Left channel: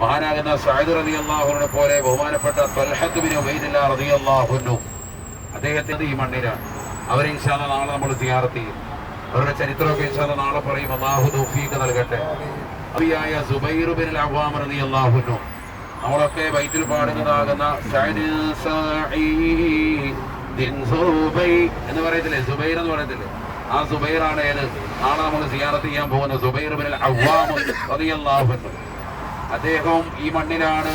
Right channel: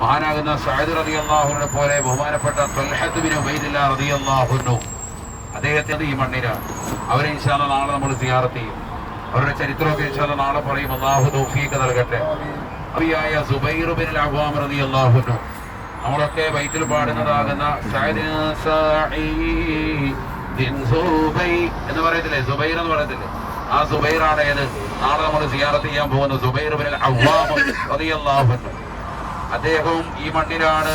മഹാനാകുന്ന Saad റളിയല്ലാഹുവിനെ പോലെ ബഹുമാനപ്പെട്ട Talhath bin ഉബൈദില്ലാഹ് റളിയല്ലാഹു അൻഹു അദ്ദേഹത്തിന്റെ ഈ മണ്ണിലാണ്. അവരെ ഇൻഷാ അല്ലാഹ് നാളെ നമ്മൾ സിയാറത്ത് ചെയ്യും. അവരുടെ ചരിത്രമൊക്കെ ഇൻഷാ അല്ലാഹ് നാളെ പറയും. അല്ലാഹു തൗഫീഖ് നൽകട്ടെ. അബിയായ സുബൈർ ബിൻ അൽ-അവ്വാം റളിയല്ലാഹു അൻഹു നമ്മളൊക്കെ ബൈത്തിൽ പാടുന്നതാകുന്ന സഅദ് സഈദിൻ സുബൈർ എന്ന് പറയത്തില്ലേ, സുബൈർ എന്ന് പറയത്തില്ലേ, ആ സുബൈറാണ് നാളെ നമ്മൾ സിയാറത്ത് ചെയ്യാൻ പോകുന്ന സുബൈർ ബിൻ അൽ-അവ്വാം റളിയല്ലാഹു അൻഹു. അദ്ദേഹവും ഈ മണ്ണിലാണ്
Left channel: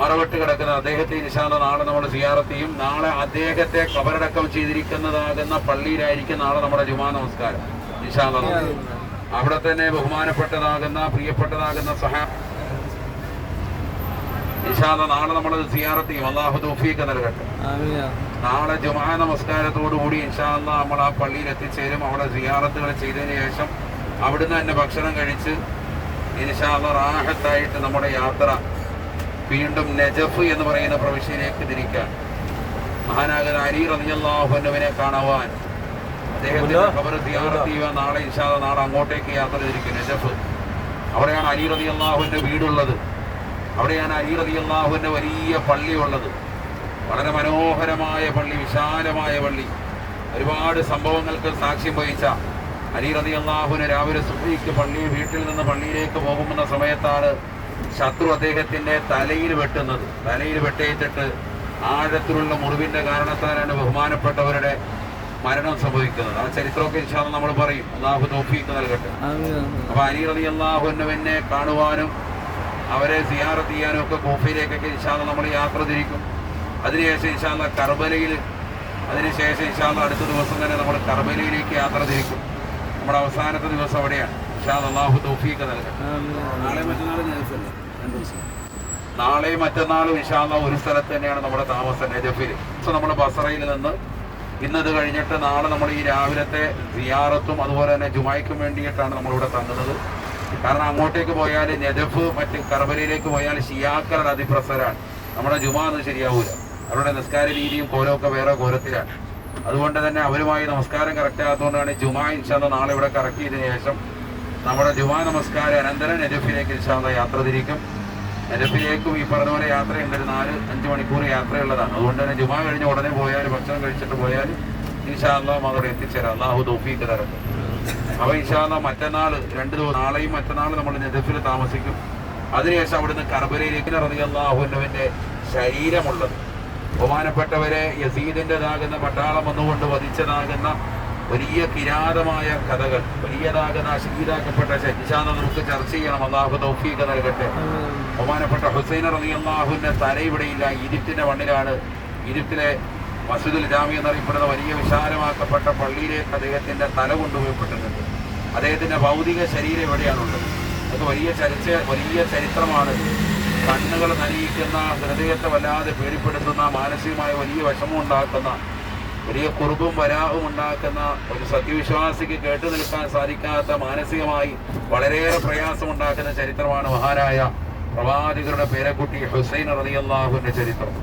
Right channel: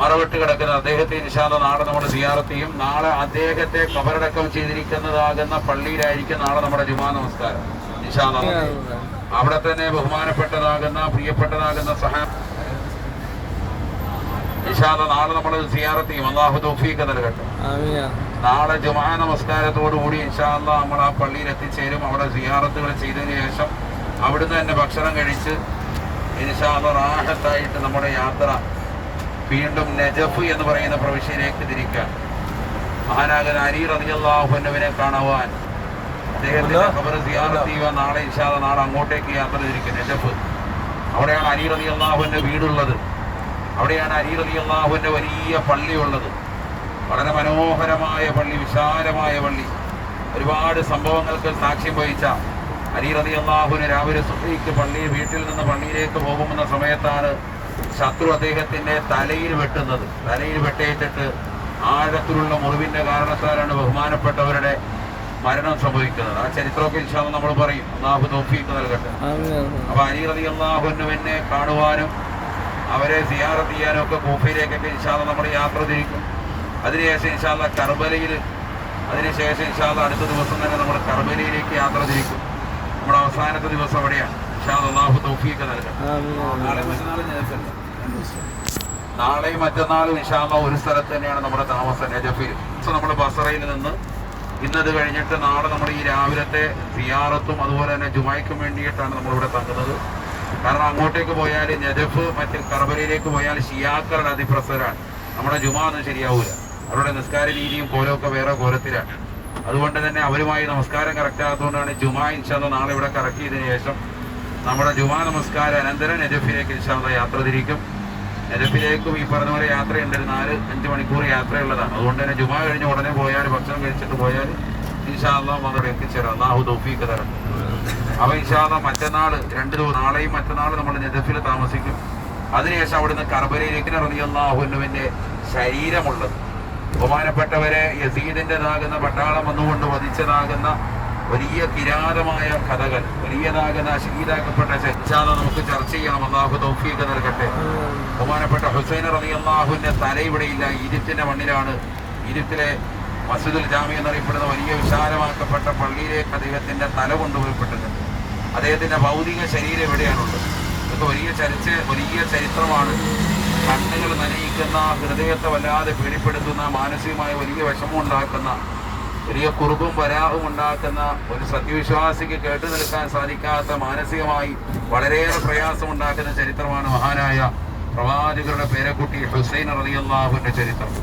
മറവിട്ട് കിടക്കുന്നത്. അദ്ദേഹത്തെ ഇൻഷാ അല്ലാഹ് നാളെ നമ്മൾ സിയാറത്ത് ചെയ്യും. നാളെ അദ്ദേഹത്തെ ഖബറടക്കം ചെയ്തിരിക്കുന്നതാകുന്ന പള്ളിയിലായിരിക്കും നാളെ നമ്മുടെ ജുമാ നമസ്കാരം ഇൻഷാ അല്ലാഹ്. അവിടെ തന്നെ ബഹുമാനപ്പെട്ടതാകുന്ന പ്രിയപ്പെട്ടതാകുന്ന ഇൻഷാ അല്ലാഹ് നാളെ നമ്മൾ സിയാറത്ത് ചെയ്യും. അല്ലാഹു തൗഫീഖ് നൽകട്ടെ. നാളെ ജുമാ നമസ്കാരത്തോടുകൂടി ഇൻഷാ അല്ലാഹ് നമ്മൾ ആ പള്ളിയിൽ എത്തിച്ചേരും. അവിടെ സിയാറത്തുകൾ ചെയ്തതിനു ശേഷം അവിടുന്ന് തന്നെ ഭക്ഷണം കഴിച്ച് ഇൻഷാ അല്ലാഹ് റാഹത്തായിട്ട് നമ്മുടെ യാത്ര വീണ്ടും നജഫ് എന്ന് പറയുന്ന പ്രവിശ്യയിലേക്ക് തിരിക്കാൻ. മഹാനാകുന്ന അലി റളിയല്ലാഹു അൻഹുവിനെ കാണുവാൻ അദ്ദേഹത്തിന്റെ ഖബർ സിയാറത്ത് ചെയ്യുവാൻ നാളെ ഇൻഷാ അല്ലാഹ് നാളെ അങ്ങോട്ടേക്ക് യാത്ര തിരിക്കും. നജഫ്, അവിടെയാണ് അലി റളിയല്ലാഹുവിന്റെ വീടുള്ളത്. അവിടെയാണ് അലി റളിയല്ലാഹുവിന്റെ വലിയ പള്ളിയുള്ളത്. വളരെ മനോഹരമായ പള്ളി, വിശാലമായ പള്ളി, ഒരുപാട് സംഭവങ്ങൾക്ക് സാക്ഷ്യം വഹിച്ച അലി റളിയല്ലാഹുവിന് രാവിലെ സുബ്ഹിക്ക് വീട്ടിൽ നിന്ന് പള്ളിയിലേക്ക് പോകുന്ന സമയത്താണ് ശത്രു അദ്ദേഹത്തിന്റെ തലയിൽ വെട്ടുന്നത്. തലയിൽ വെട്ടേറ്റിട്ട് ആഴത്തിലുള്ള മുറിവിന്റെ കാരണത്താലാണ് ബഹുമാനപ്പെട്ടവരുടെ മരണം സംഭവിക്കുന്നത്. ആ ചരിത്രമൊക്കെ ഇൻഷാ അല്ലാഹ് നമ്മൾ പറയും. അല്ലാഹു തൗഫീഖ് നൽകട്ടെ. അപ്പൊ അലി റളിയല്ലാഹുവിനെ കാണുവാനും അവരെ സിയാറത്ത് ചെയ്യാനും ഒക്കെ കൂഫയിലേക്കൊക്കെ ഇൻഷാ അല്ലാഹ് നമ്മൾ യാത്ര തിരിക്കും. അതിനുശേഷം ഇൻഷാ അല്ലാഹ് കർബലയിൽ, അതിനുശേഷം ഇൻഷാ അല്ലാഹ് അടുത്ത ദിവസം തന്നെ നമ്മൾ കർബലയിലേക്ക് യാത്ര തിരിക്കും. നമ്മുടെ അവസാനത്തെ ദിവസം അവിടെയാണ്. അല്ലാഹു തൗഫീഖ് നൽകട്ടെ. നാളെയും മറ്റന്നാളും ഇൻഷാ അല്ലാഹ് ഒരു സ്ഥലത്ത് തന്നെയാണ് നമ്മുടെ താമസം, നജഫിൽ. നമ്മൾ ബസറയിൽ നിന്ന് ഇന്നത് കഴിഞ്ഞിട്ട് നാളെ നമ്മൾ ഈ രാവിലത്തെ സിയാറത്തും അതുപോലെ തന്നെ ജുമായ്ക്കും വേണ്ടിയിട്ടാണ് നമ്മളിവിടെ തങ്ങുന്നത്. കാരണം അങ്ങോട്ടേക്ക് പോയാൽ നജഫ്, മറ്റ് കർബലയിലേക്ക് പോയാൽ ഷിയാക്കളുടെ അതിപ്രസരാണ്. നമ്മുടെ ജുമാ ഒന്നും ശരിയാവൂല. അവരുടെ നിസ്കാര രീതിയും കോലമൊക്കെ വേറെ കോലത്തിലാണ്. അതുകൊണ്ട് തന്നെ അവരുമായി നമസ്കാരം കറക്റ്റ് ആകാത്തതുകൊണ്ടാണ് ജുമാ ഇൻഷാ അല്ലാഹ് നാളെ ഇവിടെ കറക്റ്റ് ചെയ്തതിനു ശേഷം നമ്മുടെ ജുമാ നമസ്കാരം അനന്തരം നജഫിലേക്ക് ഇൻഷാ അല്ലാഹ് യാത്ര തിരിക്കും. നജഫിലേക്കും ഈ പറഞ്ഞ പോലെ യാത്രയുണ്ട്. 4-5 മണിക്കൂർ യാത്രയുള്ളതാണ്. അതുകൊണ്ട് തന്നെ ജുമാ കഴിഞ്ഞ് ഉടനെ പോയാൽ, ഭക്ഷണം കഴിച്ചിട്ട് പോയാൽ ഇൻഷാ അല്ലാഹ് അവിടെ എത്തിച്ചേരാം. അല്ലാഹു തൗഫീഖ് തരട്ടെ. അപ്പോൾ ഇൻഷാ അല്ലാഹ് മറ്റന്നാൾ 2 ദിവസം, നാളെയും മറ്റന്നാൾ നമ്മൾ നജഫിൽ താമസിക്കും. അതിനുശേഷം അവിടുന്ന് കർബലയിലേക്ക് റളിയല്ലാഹു അൻഹുവിന്റെ ശരീരമുള്ളത്, ബഹുമാനപ്പെട്ടവരെ യസീദിൻ്റെതാകുന്ന പട്ടാളം വന്നുകൊണ്ട് വധിച്ചതാകുന്ന വലിയ കിരാതമായ കഥകൾ, വലിയതാകുന്ന ഷഹീദാക്കപ്പെട്ട ഇൻഷാ അല്ലാഹ് നമുക്ക് ചർച്ച ചെയ്യണം. അല്ലാഹു തൗഫീഖ് നൽകട്ടെ. ബഹുമാനപ്പെട്ട ഹുസൈൻ റളിയല്ലാഹുവിന്റെ തല ഇവിടെയില്ല, ഈജിപ്തിന്റെ മണ്ണിലാണ്. ഈജിപ്തിലെ മസ്ജിദുൽ ജാമി എന്നറിയപ്പെടുന്ന വലിയ വിശാലമാക്കപ്പെട്ട പള്ളിയിലേക്ക് അദ്ദേഹത്തിന്റെ തല കൊണ്ടുപോയപ്പെട്ടിട്ടുണ്ട്. അദ്ദേഹത്തിന്റെ ഭൗതിക ശരീരം എവിടെയാണുള്ളത്? ഇതൊക്കെ വലിയ ചരിത്രമാണ്. കണ്ണുകൾ നനയിക്കുന്ന, ഹൃദയത്തെ വല്ലാതെ പേടിപ്പെടുത്തുന്ന, മാനസികമായ വലിയ വിഷമമുണ്ടാക്കുന്ന, വലിയ കുറുബും വരാഹും ഉണ്ടാക്കുന്ന, ഒരു സത്യവിശ്വാസിക്ക് കേട്ടു നിൽക്കാൻ സാധിക്കാത്ത, മാനസികമായി വളരെയേറെ പ്രയാസമുണ്ടാക്കുന്ന ചരിത്രമാണ് മഹാനായ പ്രവാചകരുടെ പേരക്കുട്ടി ഹുസൈൻ റളിയല്ലാഹുവിന്റെ ചരിത്രം.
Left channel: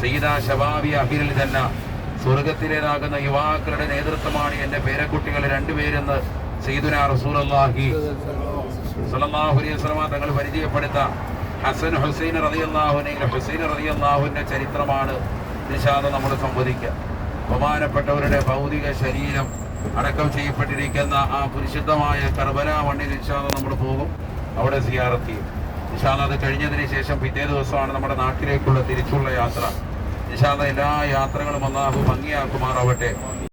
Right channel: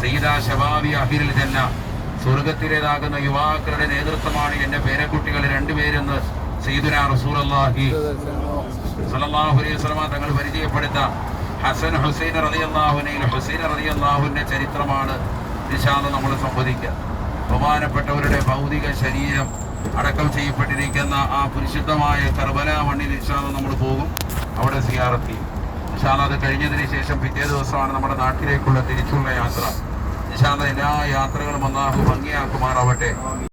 സയ്യിദ ശബാബി അഹ്ലിൽ ജന്ന, സ്വർഗത്തിലേതാകുന്ന യുവാക്കളുടെ നേതൃത്വമാണ് എന്റെ പേരക്കുട്ടികൾ 2 പേരെന്ന് സയ്യിദുനാ റസൂലുള്ളാഹി സ്വല്ലല്ലാഹു അലൈഹി വസല്ലം തങ്ങൾ പരിചയപ്പെടുത്ത ഹസൻ ഹുസൈൻ റളിയല്ലാഹുവിന്റെ ചരിത്രമാണ് ഇൻഷാ അല്ലാഹ് നമ്മൾ സംവദിക്കുക. ബഹുമാനപ്പെട്ടവരുടെ ഭൗതിക ശരീരം അടക്കം ചെയ്യപ്പെട്ടിരിക്കുന്ന ആ പരിശുദ്ധമായ കർബല മണ്ണിൽ ഇൻഷാ അല്ലാഹ് നമ്മൾ പോകും. അവിടെ സിയാറത്ത് ചെയ്യും. ഇൻഷാ അല്ലാഹ് അത് കഴിഞ്ഞതിന് ശേഷം പിറ്റേ ദിവസമാണ് നമ്മുടെ നാട്ടിലേക്കുള്ള തിരിച്ചുള്ള യാത്ര. ഇൻഷാ അല്ലാഹ് എല്ലാ യാത്രകളും അല്ലാഹു ഭംഗിയാക്കുമാറാവട്ടെ.